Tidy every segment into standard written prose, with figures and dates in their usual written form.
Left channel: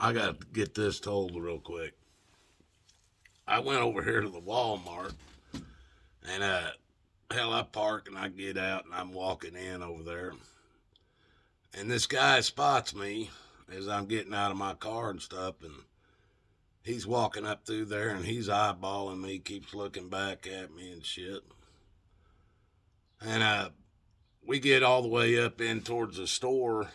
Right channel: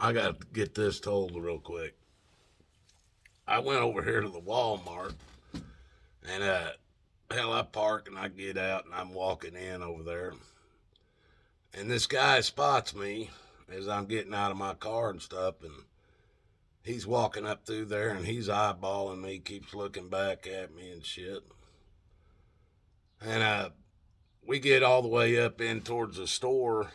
I got to get this told real quick. I went over here to the Walmart, and hell, I park and I get out and I'm walking in over there, and this guy spots me as I'm getting out of my car and stuff, and he's walking up through there and he's eyeballing me, keeps looking back at me and shit, and we get all the way up in towards the store,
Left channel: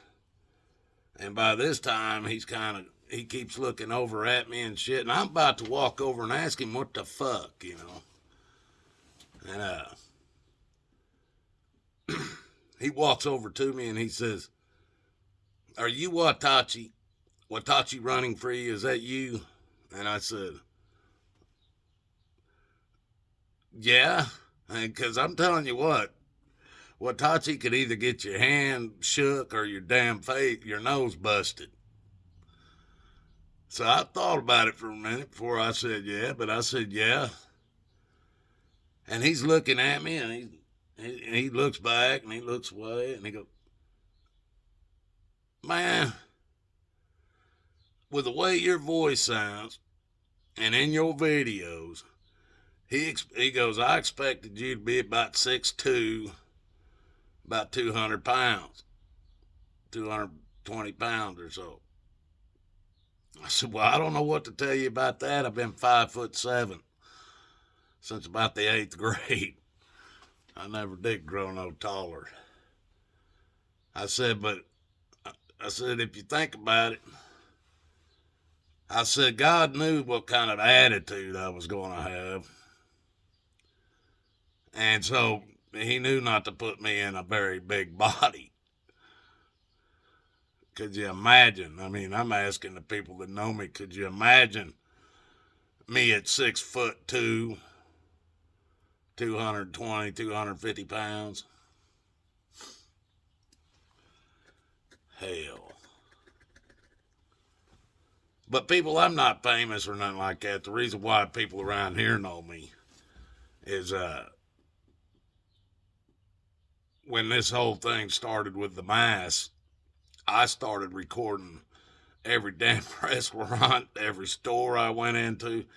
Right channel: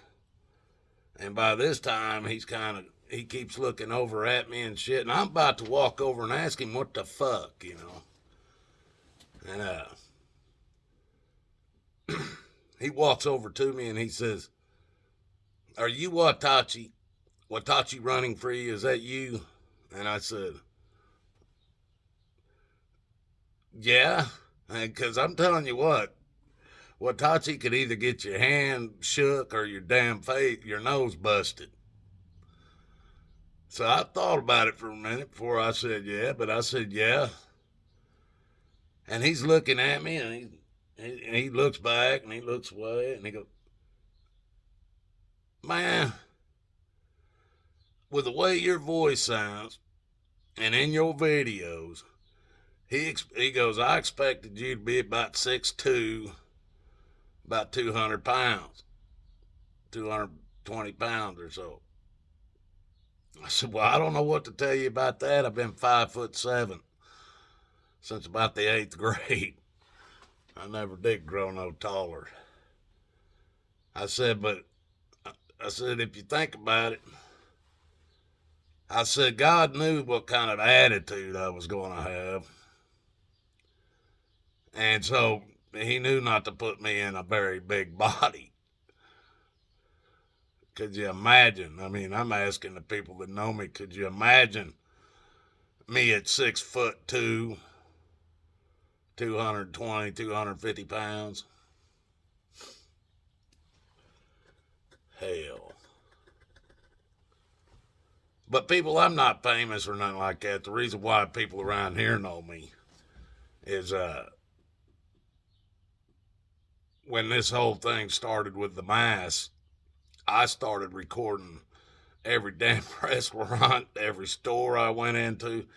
and by this time he keeps looking over at me and shit, and I'm about to walk over and ask him what the fuck, and he walks over to me and he says, "Are you Watachi? Watachi running free? Is that you?" And I said, "Yeah." Because I'm telling you what, Watachi could either get your hand shook or your damn face, your nose busted. So I thought about it for a minute before I said yeah, but I said yeah. And he's looking at me and he looks back and he looks away and he goes, "Man, with the way your voice sounds and in your videos," he goes, "I expected you to be about 6'2", about 200 pounds, 220 pounds or so." I said, "Well, I don't know what to tell you about that. I've been 5'7" since about the eighth grade. I never did grow no taller." I said, "But," I said, "if you think about it," I said, "God knew what kind of attitude I was going to have. And so he knew not to put me in a very big body." Could you imagine? I mean, I'm asking the people that know me, could you imagine me at 6'2", 220, 250 pounds? Hell. But people, I'm not famous or nothing like that. The reason why people around here know me is when this whole thing started with the mask, I started recording every damn restaurant, every store I went into,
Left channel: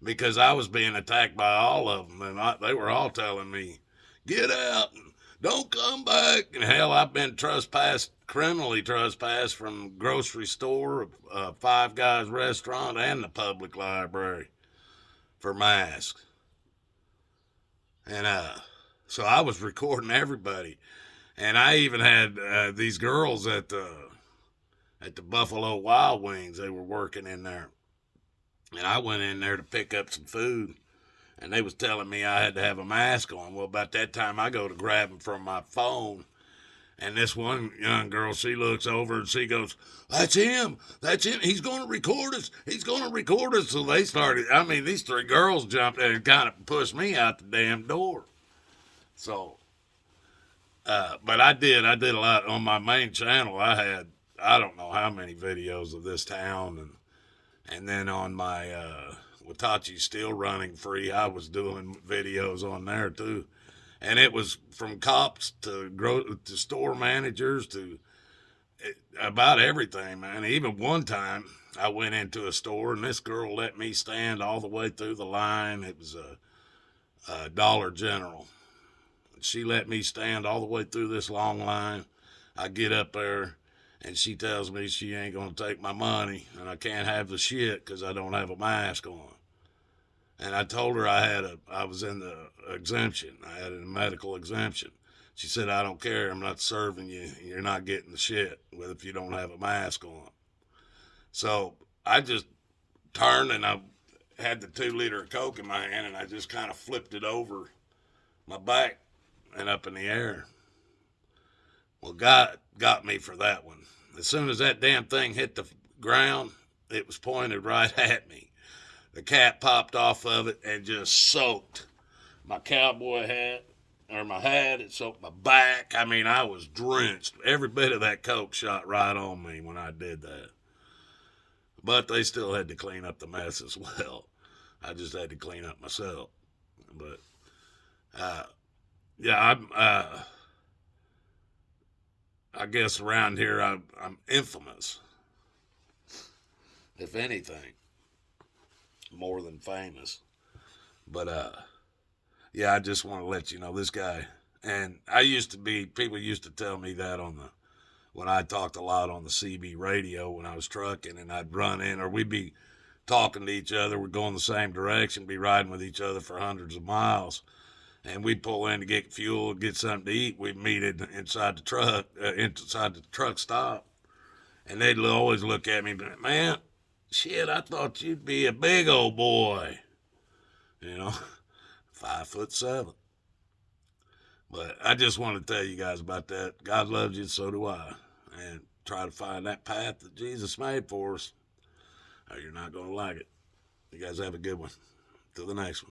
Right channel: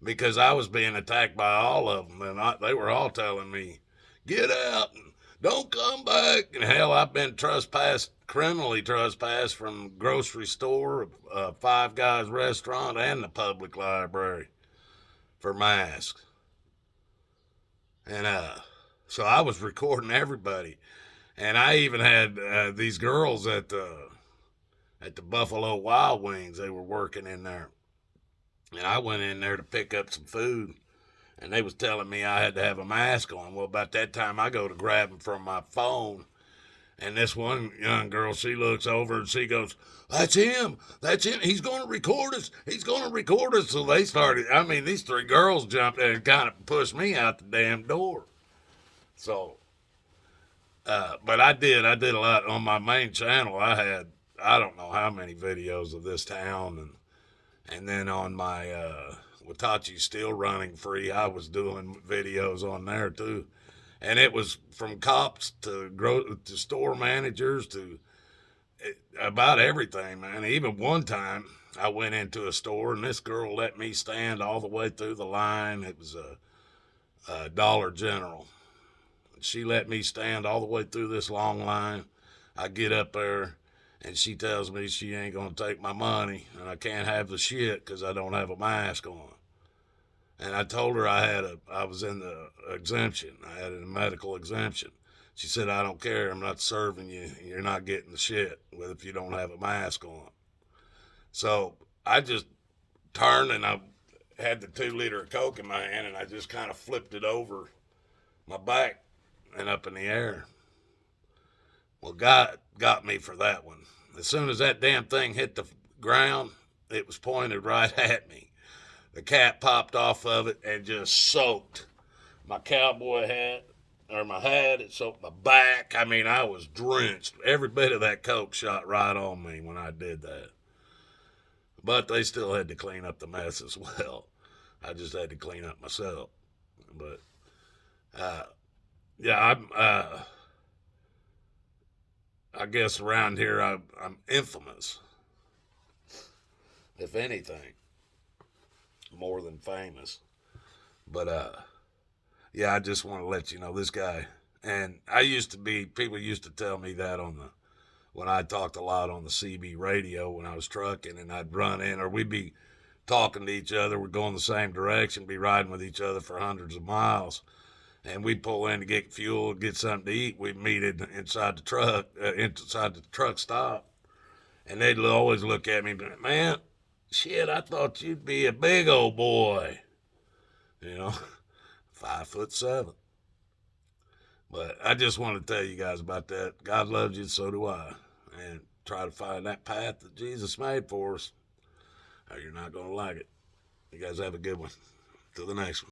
because I was being attacked by all of them, and they were all telling me, "Get out, and don't come back." And hell, I've been criminally trespassed from grocery store, Five Guys restaurant, and the public library for masks. And so I was recording everybody, and I even had these girls at the Buffalo Wild Wings. They were working in there, and I went in there to pick up some food, and they was telling me I had to have a mask on. Well, about that time, I go to grab them from my phone, and this one young girl, she looks over and she goes, "That's him. That's him. He's going to record us. He's going to record us." So they started. I mean, these three girls jumped in and kind of pushed me out the damn door. So, but I did a lot on my main channel. I had, I don't know how many videos of this town, and then on my Watachi Still Running Free, I was doing videos on there too, and it was from cops to store managers to about everything, man. Even one time, I went into a store and this girl let me stand all the way through the line. It was a Dollar General. She let me stand all the way through this long line. I get up there and she tells me she ain't gonna take my money and I can't have the shit because I don't have a mask on. And I told her I was in the exemption. I had a medical exemption. She said, "I don't care. I'm not serving you. You're not getting the shit with if you don't have a mask on." So I just turned and I had the 2 liter of Coke in my hand and I just kind of flipped it over my back and up in the air. Well, God got me for that one. As soon as that damn thing hit the ground, it was pointed right at me. The cap popped off of it and just soaked my cowboy hat, or my hat. It soaked my back. I mean, I was drenched. Every bit of that Coke shot right on me when I did that. But they still had to clean up the mess as well. I just had to clean up myself. But uh, yeah, I guess around here I'm infamous. if anything, more than famous. But yeah, I just want to let you know this guy. And I used to be. People used to tell me that on the when I talked a lot on the CB radio when I was trucking, and I'd run in, or we'd be talking to each other. We're going the same direction, be riding with each other for hundreds of miles, and we'd pull in to get fuel, get something to eat. We'd meet it inside the truck stop, and they'd always look at me, man, shit, I thought you'd be a big old boy, you know, 5'7". But I just want to tell you guys about that. God loves you, so do I. And try to find that path that Jesus made for us, or you're not going to like it. You guys have a good one. Till the next one.